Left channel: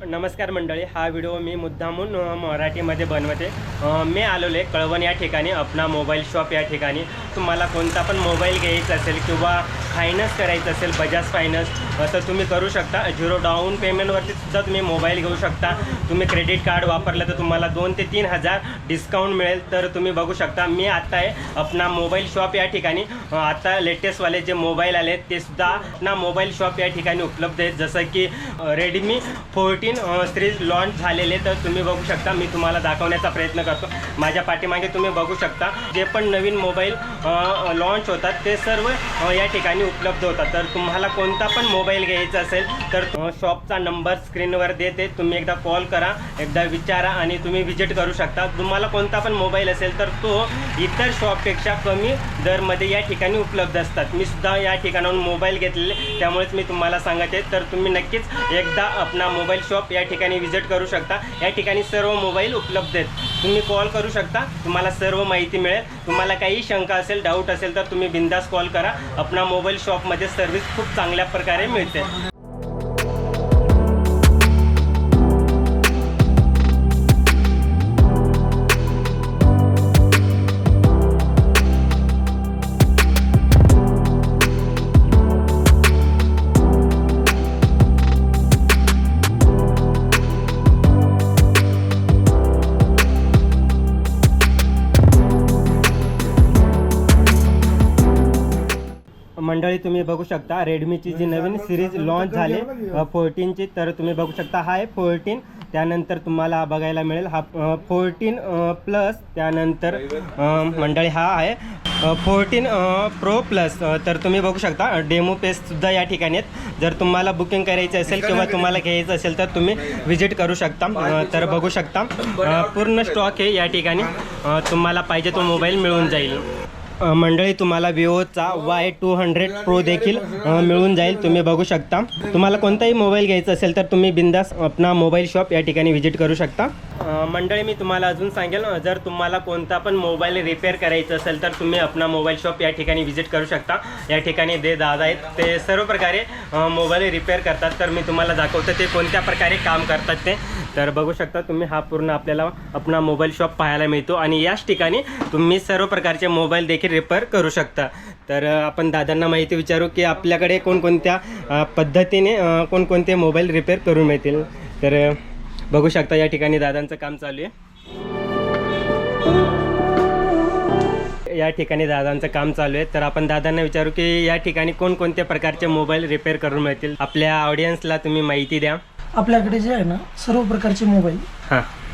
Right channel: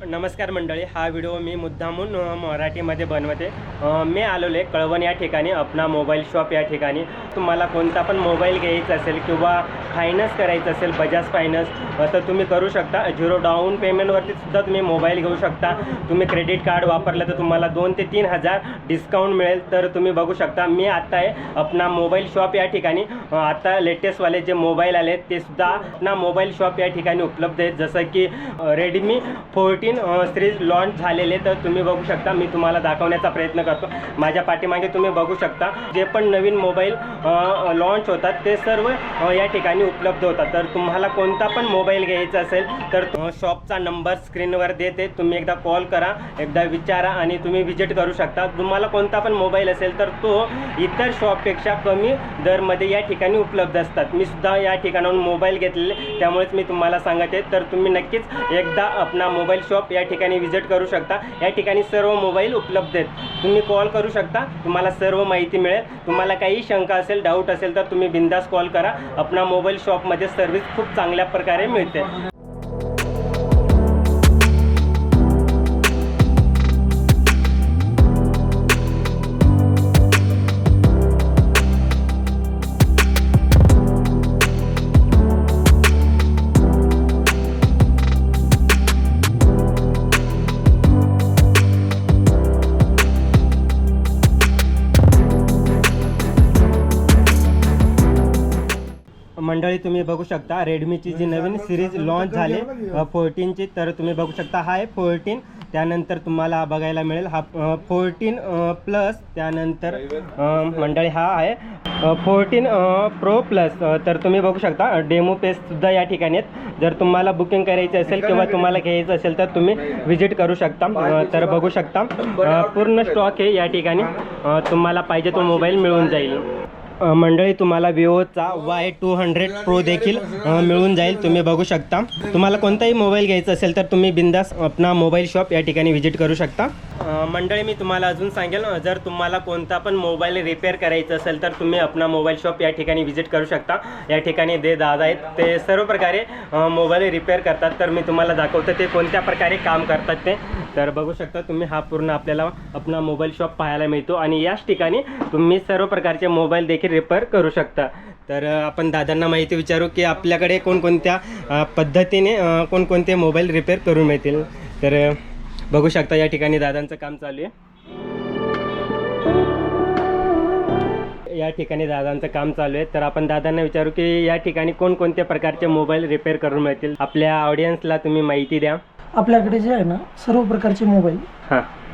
नमस्कार मंडळी, हा व्हिडिओ मी मुद्दामून मराठीमध्ये बनवते। मी आलेलो आहे कळवण या ठिकाणी, अपना मोबाईल शॉप या ठिकाणी। तुम्हाला कोणता पण मोबाईल घ्यायचा असेल किंवा फायनान्स करायचं असेल, बजाज फायनान्स, तर तुम्ही करू शकता। 0 डाऊन पेमेंटवरती सुद्धा तुम्ही मोबाईल घेऊ शकता। तुम्ही क्रेडिट कार्ड वापरलं तर तुम्हाला 2 ते 3 हजार डिस्काउंट मिळेल। तर तुम्ही बघू शकता, मी आता आहे अपना मोबाईल शॉप या ठिकाणी। आता लेटेस्टवाले जे मोबाईल आले ते सुद्धा अपना मोबाईल शॉप या ठिकाणी उपलब्ध आहेत। जसं की रेडमी 14 सीरीज लॉन्च झालेले, तर तुम्ही बघू शकता। मी तुम्हाला दाखवण्याचा प्रयत्न करतो। माझ्या पाठीमागे तुम्ही बघू शकता, जे पण नवीन मोबाईल लॉन्च होतात ते सर्व या ठिकाणी उपलब्ध होतात। तर तुम्हाला कोणता पण मोबाईल घ्यायचा असेल तर शॉपचा नंबर स्क्रीनवर देते, तुम्ही एकदा कॉल करा, एकदा विचारा आणि तुम्ही विजिट करू शकता। तुम्हाला कोणता पण मोबाईल असेल तर तो इतर शॉपपेक्षा कमी दरमध्ये या ठिकाणी उपलब्ध असतात। मी सुद्धा या ठिकाणाहून मोबाईल घेतलेले, त्यामुळेच मी तुम्हाला सांगते। तर तुम्ही नक्कीच एकदा अपना मोबाईल शॉप या ठिकाणी विजिट करू शकता। या ठिकाणी सर्व मोबाईल उपलब्ध आहेत। तुम्ही कॉल करू शकता, तुम्हाला सर्व माहिती मिळेल। तुम्हाला काही शंका असेल, डाऊट असेल तर तुम्ही बिंदास कॉल करा। अपना मोबाईल शॉपमध्ये सर्व्हिस खूप चांगल्या प्रकारे मिळते। मंडळी, तुम्ही बघू शकता रेडमीची जी नवीन सिरीज लॉन्च झाली 14ची, तर तुम्ही बघू शकता हा आहे 14। त्यानंतर तुम्हाला बघायला मिळेल हा 14 प्लस। त्यानंतर मंडळी हा आहे 14 प्रो प्लस। तर तुम्ही बघू शकता डेमो पेजसुद्धा या ठिकाणी आहेत। जर तुम्हाला बुकिंग करायची असेल किंवा तुम्हाला घ्यायचं असेल तर तुम्ही विजिट करू शकता। तर बघू शकता पूर्ण स्टॉक आहे या ठिकाणी, तुम्हाला पाहिजे तो मोबाईल मिळून जाईल। मंडळी, तुम्हाला विवोचा Y200 प्रो देखील मिळून जाईल। तुम्ही बघू शकता, तुम्हाला कोणताही मोबाईल घ्यायचा असेल तर तुम्ही बिंदास अपना मोबाईल शॉप या ठिकाणी विजिट करू शकता। मंडळी, मी तुम्हाला अजून सांगेल, जर तुम्हाला कोणता पण मोबाईल रिपेअर करायचा असेल तर तुम्ही अपना मोबाईल शॉप या ठिकाणी विजिट करू शकता। या ठिकाणी जे दादा आहेत ते सर्व प्रकारे मोबाईल रिपेअर करतात। तर मी तुम्हाला दाखवतो ते कोणत्या प्रकारे काम करतात ते। तर बघू शकता तुम्ही, हा पूर्ण आपल्याला अपना मोबाईल शॉप पाहायला मिळतो आणि याच ठिकाणी तुम्ही सर्व प्रकारचे मोबाईल देखील रिपेअर करू शकता। तर आपण दादांना माहिती विचारू की आपल्याकडे कोणकोणत्या पद्धतीने कोणकोणते मोबाईल रिपेअर करून मिळतील। तर बघू शकता या ठिकाणी दादांचं काम चालू आहे। या ठिकाणी दादांचं काम चालू आहे। तर आपण दादांना विचारू की या ठिकाणी कोणकोणत्या प्रकारचे मोबाईल रिपेअर करून मिळतील। आपल्या ऑडियन्सला तुम्ही माहिती द्या। आपल्याकडे जे आहे ना, सर्व प्रकारचे मोबाईल,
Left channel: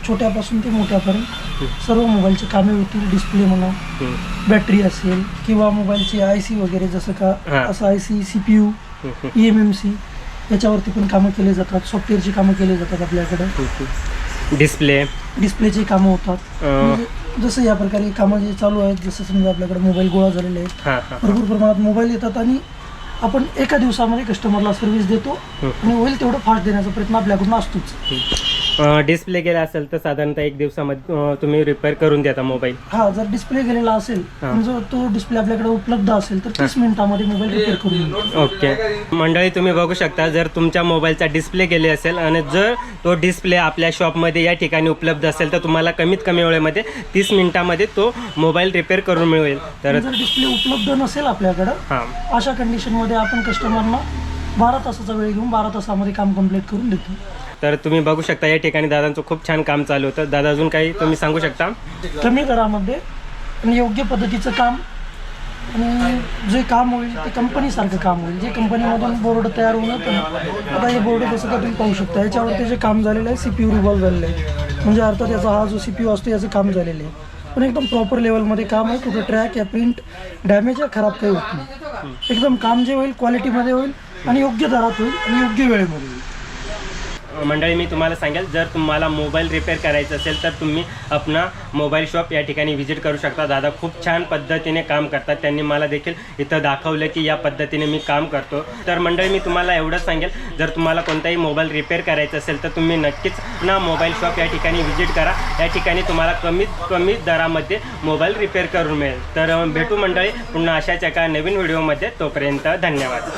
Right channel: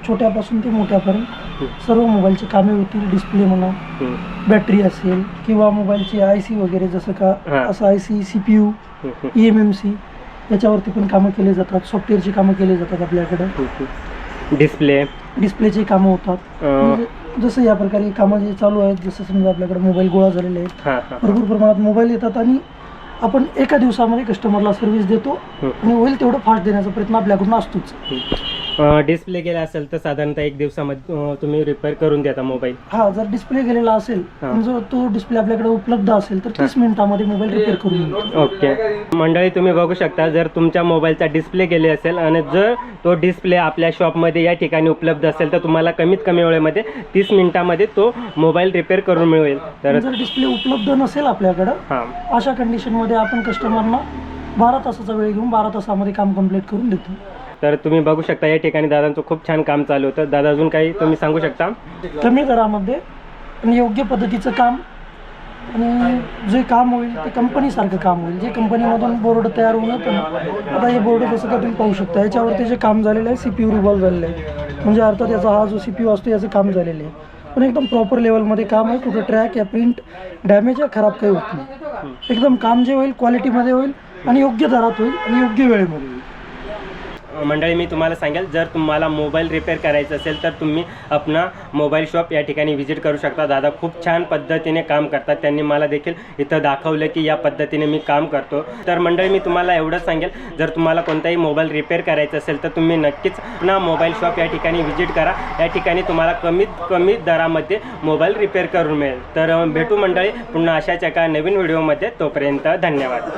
छोट्यापासून ते मोठ्यापर्यंत सर्व मोबाईलचे कामे होतील। डिस्प्ले म्हणा, बॅटरी असेल किंवा मोबाईलची IC वगैरे, जसं का असं IC, CPU, eMMC याच्यावरती पण कामं केले जातात। सॉफ्टवेअरची कामं केली जातात आपल्याकडं। डिस्प्लेचे कामं होतात। म्हणजे जसं या प्रकारे कामं जे चालू आहेत, जसं समजा आपल्याकडे मोबाईल गोळा झालेले आहेत, भरपूर प्रमाणात मोबाईल येतात आणि आपण एका दिवसामध्ये कस्टमरला सर्व्हिस देतो आणि होईल तेवढं फास्ट देण्याचा प्रयत्न आपल्याकडून असतोच। डिस्प्ले गेला असेल तर साधारणतः 1 दिवसामध्ये तुम्ही रिपेअर करून देता मोबाईल? हा, जर डिस्प्ले गेलेला असेल, जर तो डिस्प्ले आपल्याकडे उपलब्ध असेल तर 30 मिनिटांमध्ये मोबाईल रिपेअर करून देतो। ओके मंडळी, तुम्ही बघू शकता, जर तुमच्या मोबाईलचा डिस्प्ले गेले असेल आणि जर तो डिस्प्ले आपल्या शॉपमध्ये या ठिकाणी उपलब्ध असेल तर तुम्हाला कमीत कमी वेळेमध्ये 30 मिनिटांमध्ये तो मोबाईल रिपेअर करून मिळेल। तर जर डिस्प्ले उपलब्ध नसेल आपल्याकडं, अशा कंडिशनमध्ये आपण कस्टमरला 12 तासाचा वेळ घेऊन 12 तासामध्ये काम कंप्लीट करून देतो। तर तुम्ही बघू शकता या ठिकाणी दादांचं खूप छान काम चालू होतं। दादा, अजून काही तुम्ही सांगू शकता? कमी दरामध्ये आणि योग्य पद्धतीचं काम, आणि जे काम होईल ते कंपनीसारखं काम होईल। जे कंपनीमधून बोर्ड तयार होऊन येतं ना, आता हे बोर्ड कसं का तुम्ही पाहू शकता, याच्यावरती जे काम झालेलं आहे CPU रिव्हॉल्व झालेलं आहे, म्हणजे अर्थात याचा हा जो CPU असतो याचं काम झालेलं आहे, पण एकदम प्रॉपर लेवलमध्ये काम आहे। कुठं ट्रॅक या प्रिंट डॅमेज या खराब काही होत नाही। एकदम काम जे होईल क्वालिटीमध्ये होईल आणि योग्य दरात होईल आणि योग्य वेळेमध्ये होईल। मंडळी, मी तुम्हाला सांगेल, जर तुम्हाला मोबाईल रिपेअर करायचं असेल तर तुम्ही अपना मोबाईल शॉप या ठिकाणी विजिट करू शकता। दादा खूप छान पद्धतीने काम करतात। त्यांनी मला देखील इथं दाखवलं की या पद्धतीने मी काम करतो। तर मंडळी, मी तुम्हाला एवढंच सांगेल, जर तुम्हाला कोणताही मोबाईल रिपेअर करायचं असेल तर तुम्ही नक्कीच अपना मोबाईल शॉप या ठिकाणी विजिट करा। या ठिकाणी तुम्हाला कमीत कमी दरामध्ये मोबाईल रिपेअर करून मिळेल। तर भेटू मंडळी पुन्हा अशाच एका नवीन व्हिडिओमध्ये। तोपर्यंत धन्यवाद।